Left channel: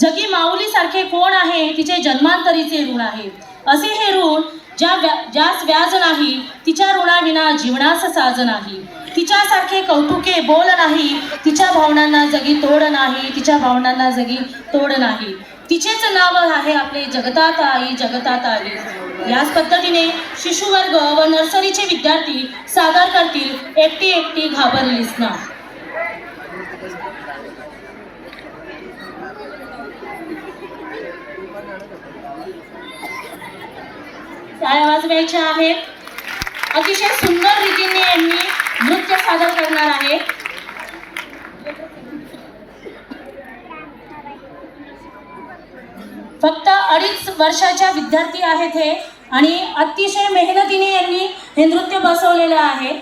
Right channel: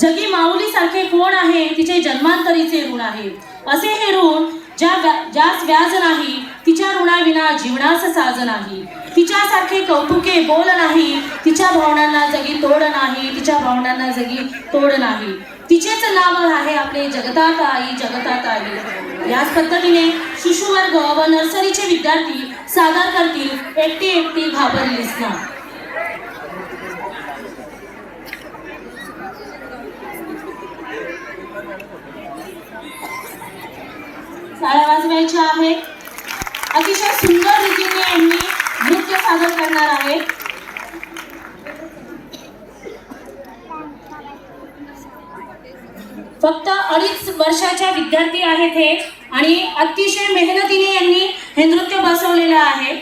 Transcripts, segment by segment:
जगी माऊली सारखे कोण आहे, तिचे जन्मांतरीचे ऋण आहे. असे हे ऋण ज्यास व्याज नाही, तिच्या ऋणाविना जीवनास साज नाही. तिच्यासारखे कौतुके बोल नाही, तिच्या भावनांना जगी तोड नाही, तिच्या भावनांना जगी तोड नाही. तिचेच नाव आहे आपले जगतात आई, जगतात आई. याच पद्धतीने शिशुवर्ग व नर्सरीचे विद्यार्थी सादर करतील एकटी एकटी घाबरलीस ना. टाळ्या वाजवायच्या आहेत. अतिशय सुंदर रीतीने यांनी नृत्य सादर करणार आहेत. फक्त 2.5 वर्षाच्या विद्यार्थी आहेत हे, आणि अतिशय मेहनतीने यांनी हे नृत्य बसवलेलं आहे.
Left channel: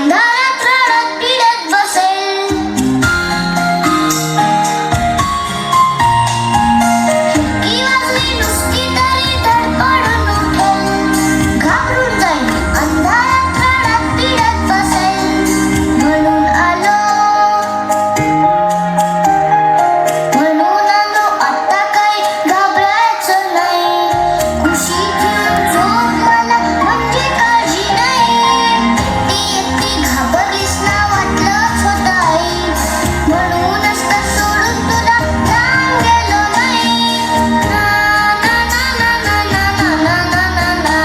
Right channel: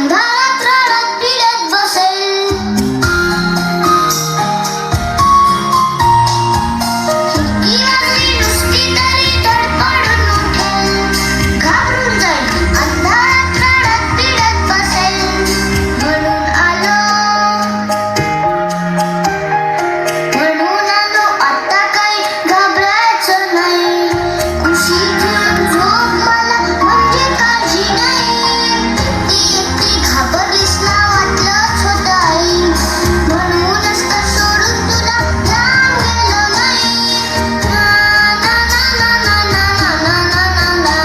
अंधारात रडत पिडत बसेल. खिडकी वाजली नुसती तरी धडपडून उठेल. घाबरून जाईल, अंधारात रडत पिडत बसेल. म्हणून आलो आता काही घाबरायचं नाही. खुशी घेऊन झोप मला म्हणजे काळजी नाही. एकटी घाबरलीस ना वाटलंच होतं आई. म्हणूनच तर सोडून तुला लांब गेलो नाही. ना ना ना ना ना ना ना ना ना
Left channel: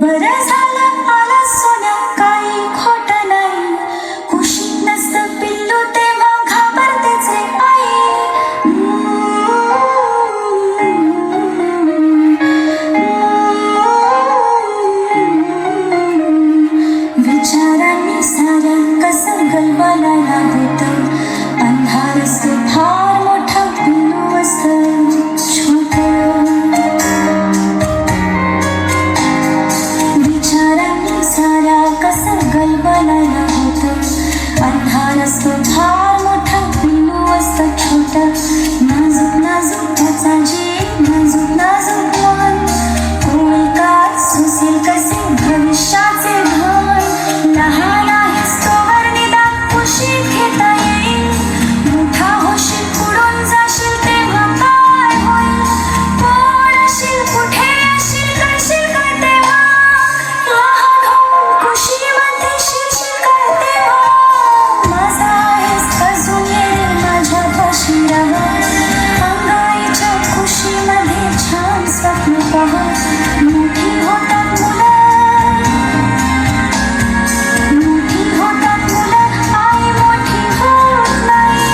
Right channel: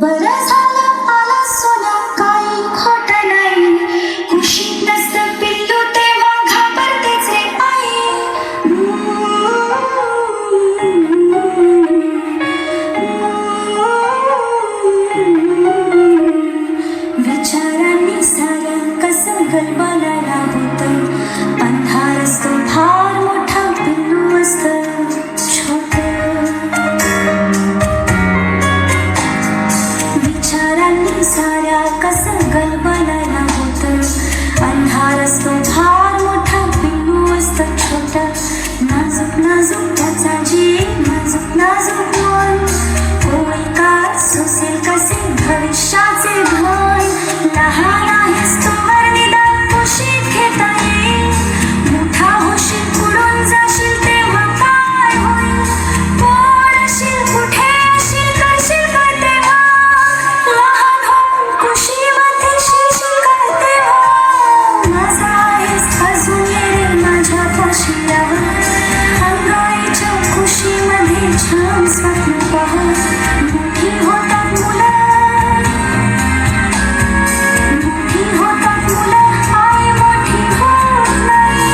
बरं झालं आला सोन्या, काही खोटं नाही. कुशीत नसतं पिल्लू तेव्हा घाबरतेच रे आई. विचारांनी साऱ्या कसं गलबलाला देतं. अंधार असतो फार मोठा, पिल्लू असतं छोटं. विचारांनी साऱ्या कसं गलबलाला होतं. अंधार असतो फार मोठा, पिल्लू असतं छोटं. नाजूक नाजूक त्याचा जीव, नाजूक नाजूक मन. होईल का सुसेल कसे भविष्याचे भान. लहान आहेस तोवर निदान कुशीत घेता येईल. मोठा होशील पुढून जाशील तेव्हा काय होईल. कोण अशील, कुठे अशील, करशील काय तेव्हा. लहान होऊन कुशीमध्ये शिरशील काय तेव्हा. माझा आहेस अजून येणे माझ्यापाशी राह. अंगाईच्या कुशीमध्ये छान स्वप्न पहा. मोठी होतात मुलं, मोठी होतात मुलं, आई मोठी होत नाही.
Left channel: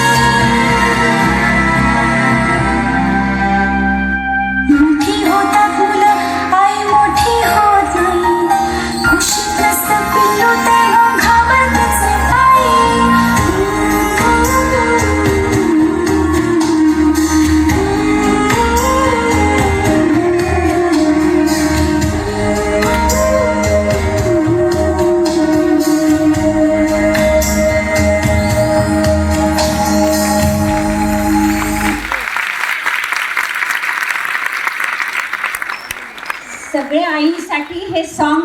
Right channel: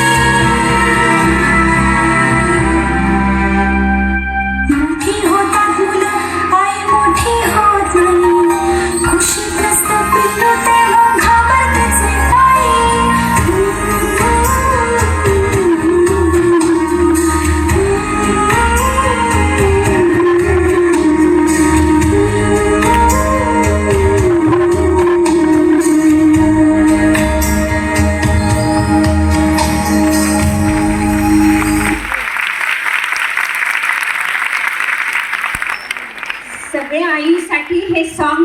मोठी होतात मुलं, आई मोठी होत नाही. कुशीत नसतं पिल्लू तेव्हा घाबरतेच रे आई. सगळ्या आईंसाठी हे सॉन्ग